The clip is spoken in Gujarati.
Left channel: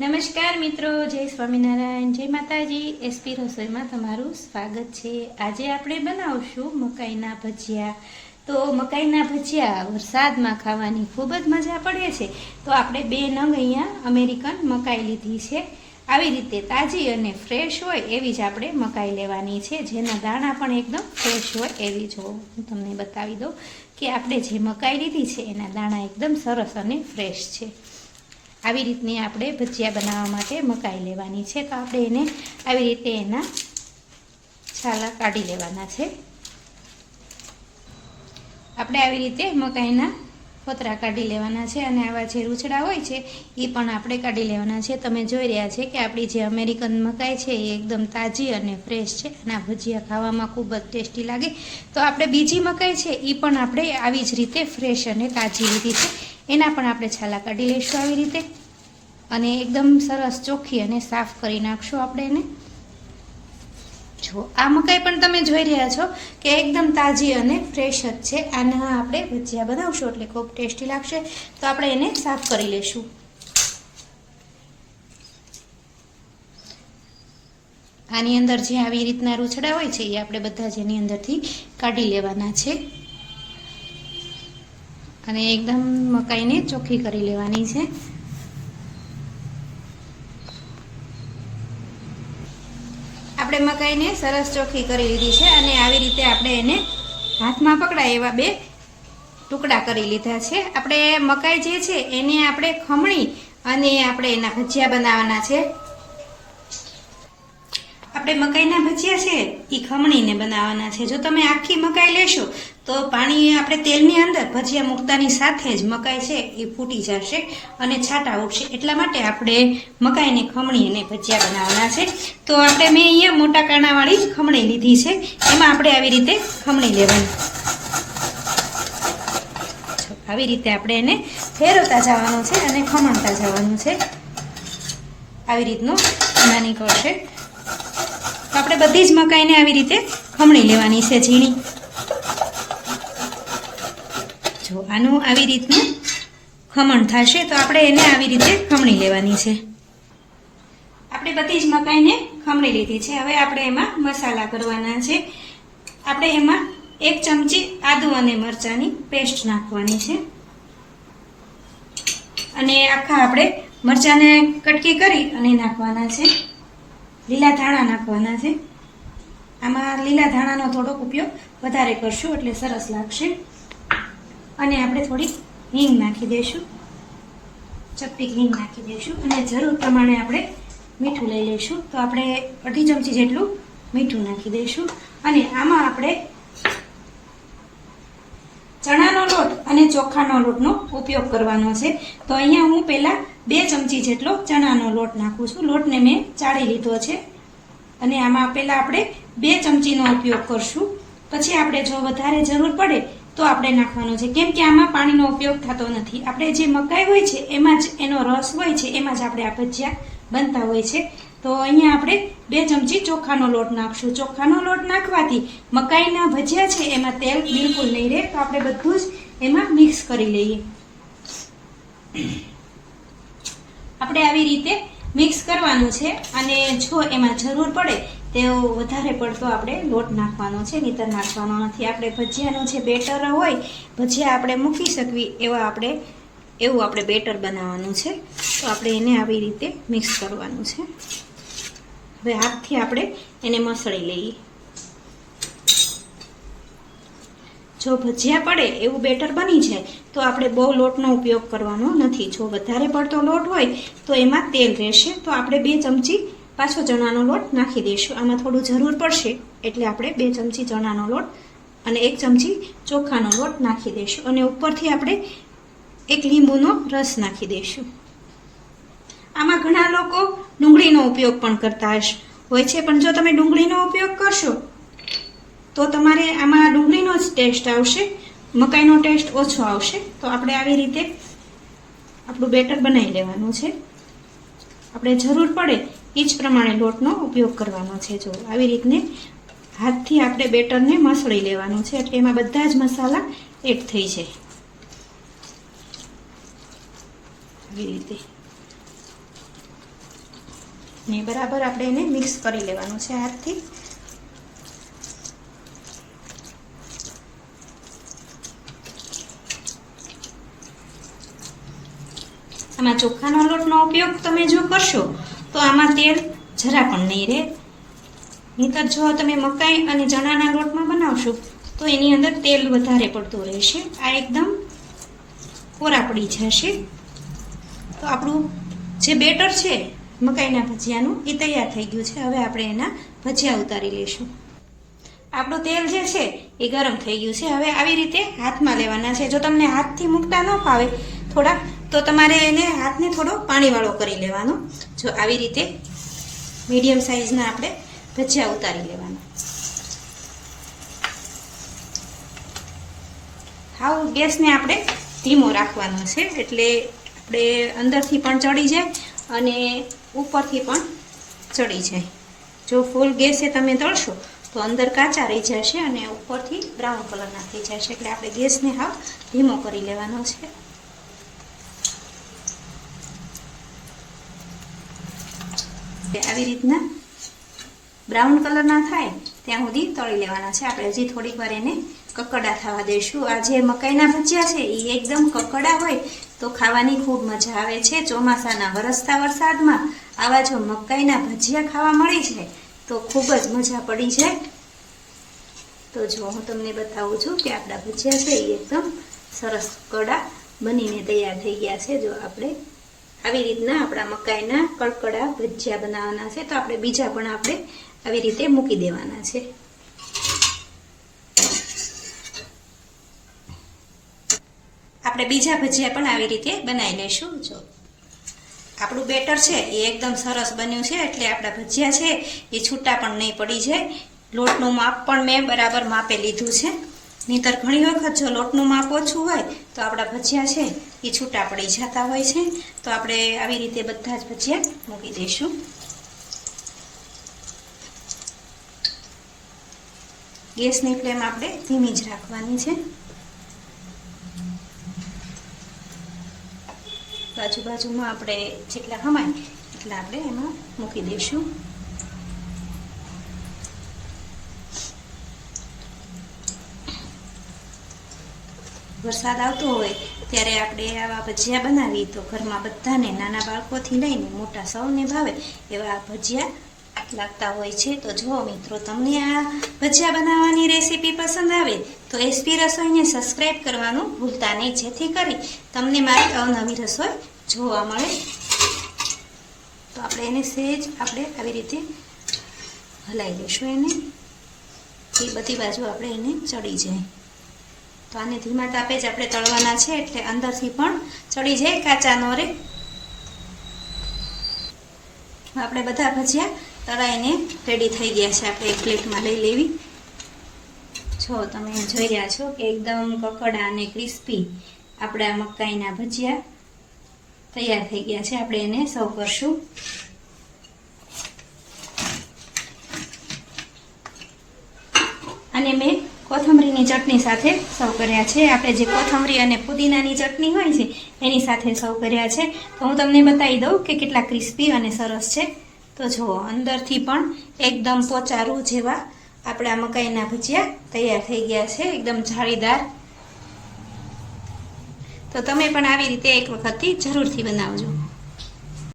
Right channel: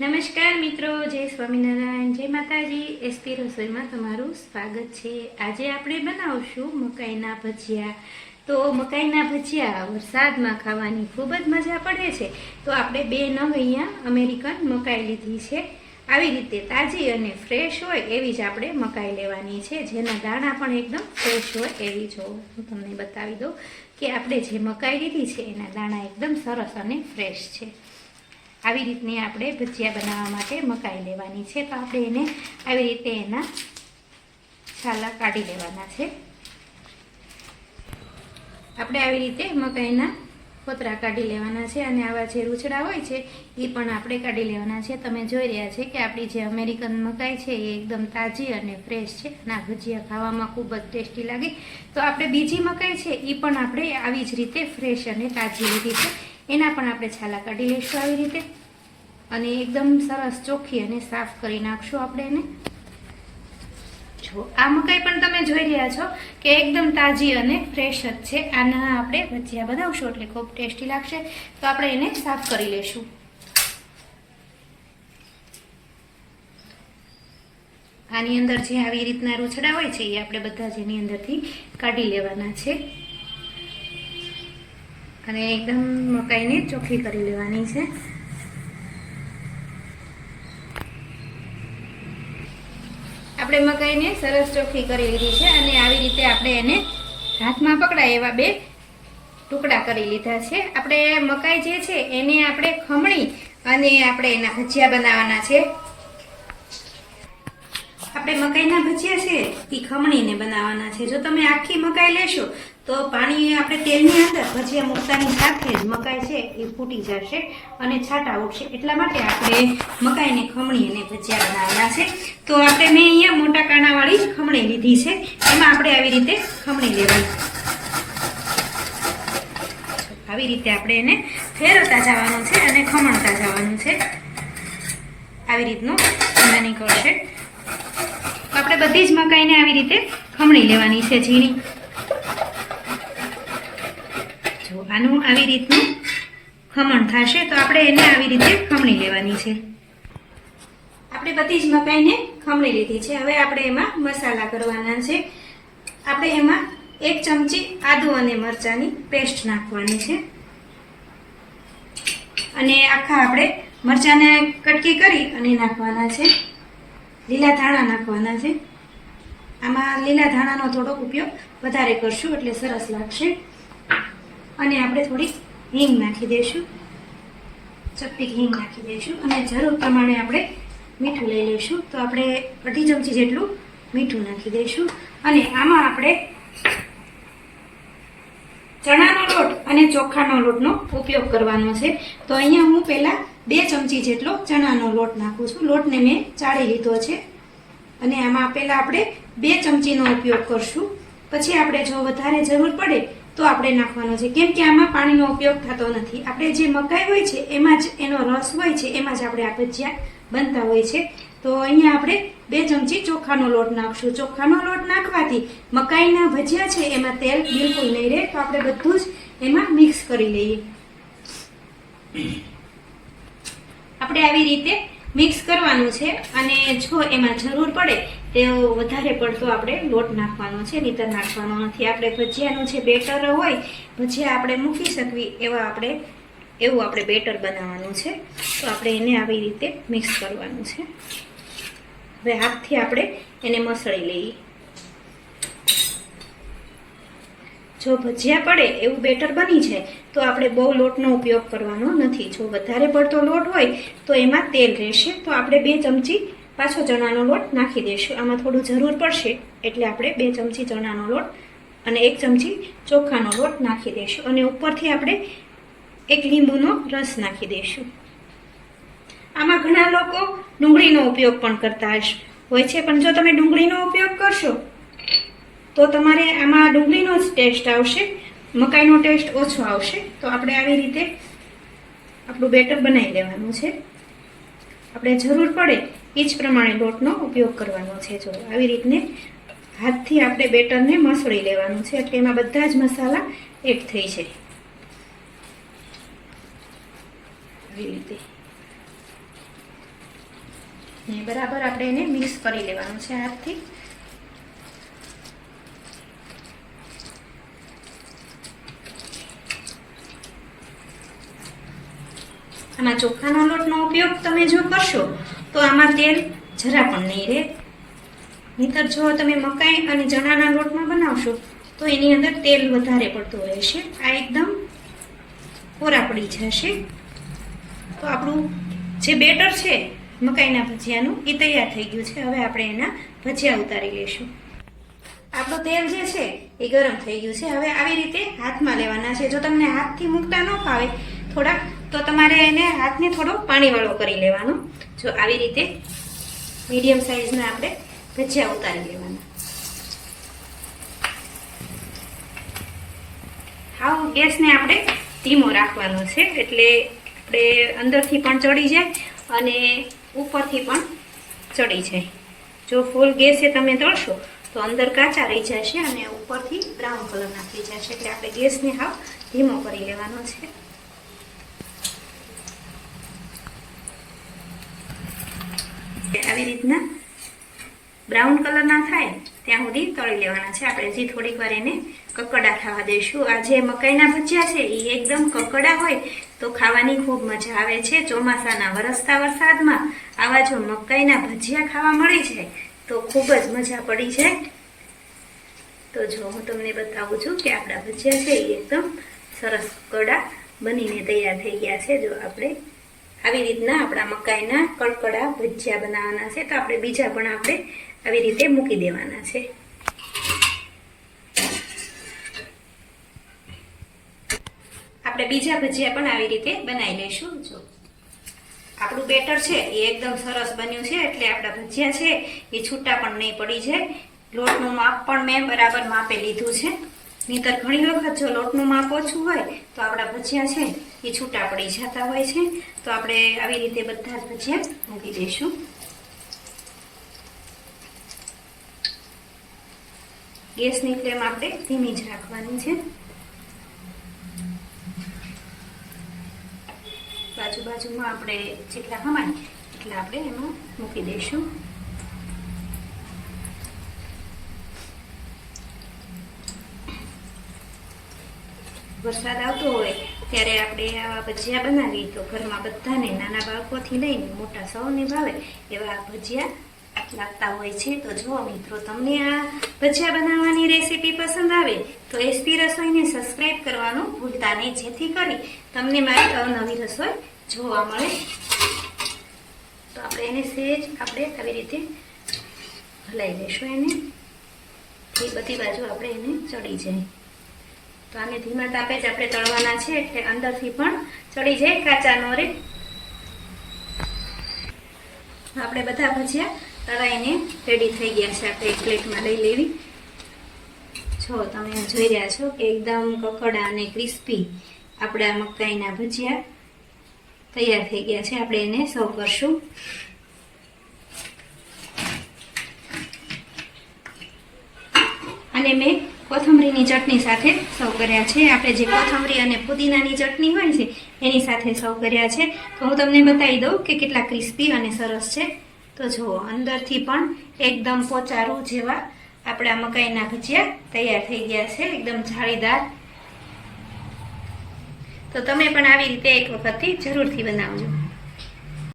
નમસ્કાર મિત્રો, જય સ્વામિનારાયણ, જય માતાજી. એસપી રસોઈમાં તમારું સ્વાગત છે. આજે આપણે બનાવશું મકાઈના ભજીયા. તો મકાઈના ભજીયા વરસાદમાં ખાવાની ખૂબ જ મજા પડે છે. તો આપણે 2 નંગ અહીંયા અમેરિકન મકાઈ લીધી છે. આવી રીતે તાજી અને ફ્રેશ હોય એવી જ આપણે મકાઈ લેવાની છે, જેના દાણા પણ એકદમ ફ્રેશ હોય એવી. જો હું તમને બતાવી દઉં કે આપણે જે મકાઈ લીધી છે એના દાણા એકદમ સરસ અને ફ્રેશ છે. આવી રીતની આપણે ભજીયા બનાવવા માટે મકાઈ લેવાની છે. તો આપણે એને આવી રીતે એના છાલા કાઢી લેવાના છે. આપણે આવી રીતે મકાઈના ફોતરા કાઢી લેવાના છે અને આવા જે રૂછડા હોય છે એ પણ આપણે કાઢી લેવાના છે. તમે જોઈ રહ્યા છે કે આપણી જે અમેરિકન મકાઈ છે એ એકદમ તાજી અને ફ્રેશ છે અને આ ભજીયા ખાવામાં ખૂબ જ ટેસ્ટી લાગે. તો આપણે બીજી મકાઈ છે એ પણ આપણે આવી જ રીતે ફ્રેશ અને તાજી લીધી છે. એના પણ આપણે છાલા કાઢી લઈશું આવી રીતે અને એકદમ સરસ ચોખ્ખી અને સાફ કરી નાખશું આપણે એને. જો આ મકાઈ પણ તમે જોઈ રહ્યા છો કે એકદમ તાજી અને ફ્રેશ જ છે. આના આપણે ભજીયા બનાવશું એટલે ખૂબ ટેસ્ટી લાગશે. તો આપણે એને સાફ કરી લઈશું. આની અંદર જે આવી રીતના રૂછડા હોય છે એ આપણે બધા જ એની અંદરથી કાઢી લેવાના છે અને એકદમ મકાઈને ચોખ્ખી કરી લેવાની છે. આપણે મકાઈને સરસ ચોખ્ખી કરી લીધી છે અને આવી રીતે આપણે એને હાથમાં પકડાય એવા 2 ટુકડા કરી લીધા છે. આપણે મકાઈ જે છે એને આપણે ખમણી અને આપણે એના ભજીયા બનાવવાના છે. આપણે મકાઈના ભજીયા છે એ ખમણીને બનાવવાના છે. જો તમે આખી મકાઈ લેશો તો પાણી આપણે તેલની અંદર ભજીયા મૂકતાની સાથે જ મકાઈ છે એ ફૂટી જશે અને છાંટા ઉઠશે. એટલા માટે આપણે મકાઈને ખમણી અને ભજીયા બનાવવાના છે. તો આપણે મેં અહીંયા મોટા કાણાવાળી ખમણી લીધી છે. એમાં આપણે આવી રીતે ખમણી લેવાની. આવી રીતે આપણે એને ફેરવતા જવાનું છે અને ખમણતા જવાનું છે. આવી રીતનું એમાં નીકળશે. આપણે બધી જ મકાઈને આવી રીતે ખમણી લેવાની છે ઝીણી. જો આનું આવી રીતનું ખમણ થશે તો આપણે એને આવી રીતે ખમણી લેવાની છે. આપણે બધી જ મકાઈને ખમણી લીધી છે. હવે આપણે એમાં મસાલા કરવાના છે. આપણે એમાં 1 ચમચી આદુ અને મરચાંની પેસ્ટ નાખવાની છે અને આખા આપણે મરચાંને કટકી કરી અને નાખવાના છે. લીલા ધાણા નાખવાના છે. આમાં લીલા ધાણાનો થોડોક ઉપયોગ વધારે કરશું એટલે સરસ લાગશે. અને આપણે થોડી હિંગ નાખી દઈશું. ચપટી હિંગ નાખી દઈશું અને જરૂર પ્રમાણે આપણે મીઠું લઈ લઈશું. તો આપણે 2.5 ચમચી જેટલું મીઠું નાખી દઈશું અને આમાં આપણે ચણાનો લોટ અને ચોખાનો લોટનો ઉપયોગ કરવાનો છે. તો અહીંયા હું પહેલાં 2 ચમચી જેટલો ચણાનો લોટ નાખું છું. લોટને મેં ચાળી લીધો છે અને આમાં પહેલાં આપણે 2 ચમચીનો ઉપયોગ કરશું. પછી આપણે જો વધારે જરૂર પડે તો આપણે નાખવાનો છે, કેમ કે આમાં પાણીનો ઉપયોગ થતો નથી. આપણે જે મકાઈ હોય છે એમાં જ એનો રસ હોય છે, એમાં જ આપણે આ ભજીયા બનતા હોય છે. તો અહીંયા આપણે 2 ચમચી ચોખાનો લોટ નાખશું. ચોખાનો લોટ નાખવાથી મકાઈના ભજીયા છે એમાં તેલ બિલકુલ નહીં રહે. તો આપણે બધું જ એમાં મિક્સ કરી લઈએ. આપણે આવી રીતે મિક્સ કરવાનું છે અને જો એમાં જરૂર પડે તો વધારે પડતો આપણે લોટ નાખવાનો છે, નહીંતર નાખવાનો નથી. આપણે ભજીયાનું જે બેટર હોય, ભજીયા આપણે મૂકી શકવી એવું આપણે બેટર બનાવવાનું છે. તો આપણે એને આવી રીતે મિક્સ કરવાનું છે. હવે હાથથી આપણે એને મસળી લઈએ. જો ભજીયા પડે એવું બેટર બની જાય તો આપણે બહુ લોટનો ઉપયોગ કરવાનો નથી. જો વધારે પડતો લોટ હોય તો એમાં તેલ રહેશે. તો આપણે 2 ચમચી પાછો ચણાનો લોટ નાખી દઈશું. આમાં થોડું જરૂર પડશે એટલે આપણે 2 ચમચી ચણાનો લોટ અને 1 ચમચી ચોખાનો લોટ નાખી દઈશું અને ઉપરથી આપણે 1 લીંબુનો રસ નાખી દઈશું. આમાં ઘણા લોકો ડુંગળીનો ઉપયોગ પણ કરતા હોય છે, પણ જો તમે ડુંગળીનો ઉપયોગ કરશો તો તમારે આમાં ડુંગળીનો જ ટેસ્ટ આવશે, મકાઈનો ટેસ્ટ ઓછો આવશે. તો આપણે આવી રીતે આપણું બેટર બનાવી લેવાનું છે. આપણે જરૂર પડે એ જ પ્રમાણે લોટનો ઉપયોગ કરવાનો છે. જો આવી રીતને હાથથી આપણે બેટરને મસળી લેવાનું છે એટલે એમાં બધા જ મસાલા એડ થઈ જાય. આવી રીતે ને બરાબર આપણે એને મિક્સ કરી લેવાનું છે હાથથી. આમાં ચોખાનો લોટનો ઉપયોગ તમે જો કરશો તો આમાં તેલ જરા પણ નહીં રહે. નહીંતર જો તમે મકાઈ અને ચણાના લોટમાં બનાવશો તો એની અંદર તેલ વધારે પડતું રહેશે. આ એકદમ કોરા પડી જશે. તો આપણું જે બેટર છે મકાઈના ભજીયાનું એ તૈયાર થઈ ગયું છે. હવે આપણે એના ભજીયા ઉતારી લઈશું. આપણું તેલ જે છે એ ગરમ થઈ ગયું છે. હવે આવી રીતે હાથમાં લેવાના છે. જો તમને હાથથી મૂકતા ન ફાવે થોડાક તો તમારે એને હાથને થોડો પાણીવાળો કરી લેવાનો. જો આવી રીતે મીડિયમ સાઈઝના આપણે ભજીયા ઉતારી લેવાના. હાવ ગેસને આપણે ધીમો રાખવાનો છે એટલે આપણે અંદરથી પણ ચડી જાય અને ઉપરથી પણ ચડી જાય. જો ફૂલ ગેસે તમે તળશો તો અંદર કાચા રહી જશે અને ઉપરથી બ્રાઉન કલરના થઈ જશે. એટલે આપણે ગેસને હાવ ધીમો કરી લેવાનો છે. આવી રીતના બ્રાઉન કલરના થાય ત્યાં સુધી તળી લેવાના છે. આપણે હજી થોડીક વાર એને કકડા થવા દઈશું. આ જે મકાઈના ભજીયા છે એ એકદમ કકડા હોય તો ખાવાની ખૂબ મજા આવે છે. ચોમાસાના વરસતા વરસાદમાં આવા જો મકાઈના ભજીયા ખાવા મળી જાય તો ખૂબ જ મજા પડી જાય. તો જો હું તમને બતાવું છું કે આપણા ભજીયા છે એ એકદમ સરસ કકડા બનીને તૈયાર થઈ ગયા છે. જો આપણે આવી રીતના આપણા મકાઈના કડકડા ભજીયા બનાવવાના છે. તો આપણે બીજા પણ આપણે આવી રીતે મૂકી દેવાના છે. આપણે બીજા ભજીયા પણ આવી રીતે બનાવી લઈશું. જો આપણું બેટર છે એ એકદમ સરસ બન્યું છે એટલે આપણા ભજીયા છે એ છૂટા પણ નહીં પડી જાય. લોટનું માપ પણ મેં બરાબર માપે લીધું છે. નહીંતર ઘણી વખત જો લોટનું માપ ઓછું હોય તો આપણા ભજીયા છે એ છૂટા પડી જતા હોય છે. તો આપણે આવી રીતે બધા જ ભજીયા મૂકી દઈશું. ગેસની ફ્લેમ આપણે ધીમી જ રાખવાની છે. બાજુમાં આપણે જેટલા ખમાય એટલા આપણે એમાં મૂકી દઈશું. વરસાદ આવતો હોય ત્યારે આપણે આવા ભજીયા બનાવી તો ઘરમાં બધાને નાના બાળકોથી લઈને મોટા સૌને ભાવે એવા ભજીયા લાગતા હોય છે. તો જો મિત્રો તમને આ ભજીયા બનાવવાની રેસીપી પસંદ આવે તો એસપી રસોઈને સબસ્ક્રાઈબ કરવાનું ભૂલતા નહીં, જેથી કરી તમને મારી અવનવી રસોઈ જોવા મળે. તો આપણે એને સહેજ આપણે આવી રીતે હલાવી લઈશું. એને એ બધી બાજુ આપણે એને ચડી જાય. તો આને ધીમા તાપે જ આપણે તળવાના છે એટલે અંદરથી પણ ચડી જાય, કાચા ન રહે. આપણે બધા ભજીયા તળાઈને રેડી થઈ ગયા છે. આપણે એક પ્લેટમાં લઈ લેવી. જો તમે જોઈ રહ્યા છો કે એકદમ કકડા અને ક્રિસ્પી આપણા મકાઈના ભજીયા તૈયાર થઈ ગયા છે. આપણે એને સર્વ કરશું. અને મેં કોથમરીની ચટણી સાથે સર્વ કર્યા છે. આપણે જે કોથમરી અને પુદીનાની ચટણી હોય છે એની સાથે સર્વ કર્યા છે. તો હું તમને બતાવી દઉં કે કેટલા ક્રિસ્પી અને સરસ છે. તો જુઓ, અંદરથી પણ એકદમ પોચારું જેવા આપણા મકાઈના ભજીયા તૈયાર થઈ ગયા છે, એકદમ જાળીદાર. તો તમે પણ આવી રીતે એક વખતથી જરૂરથી બનાવજો.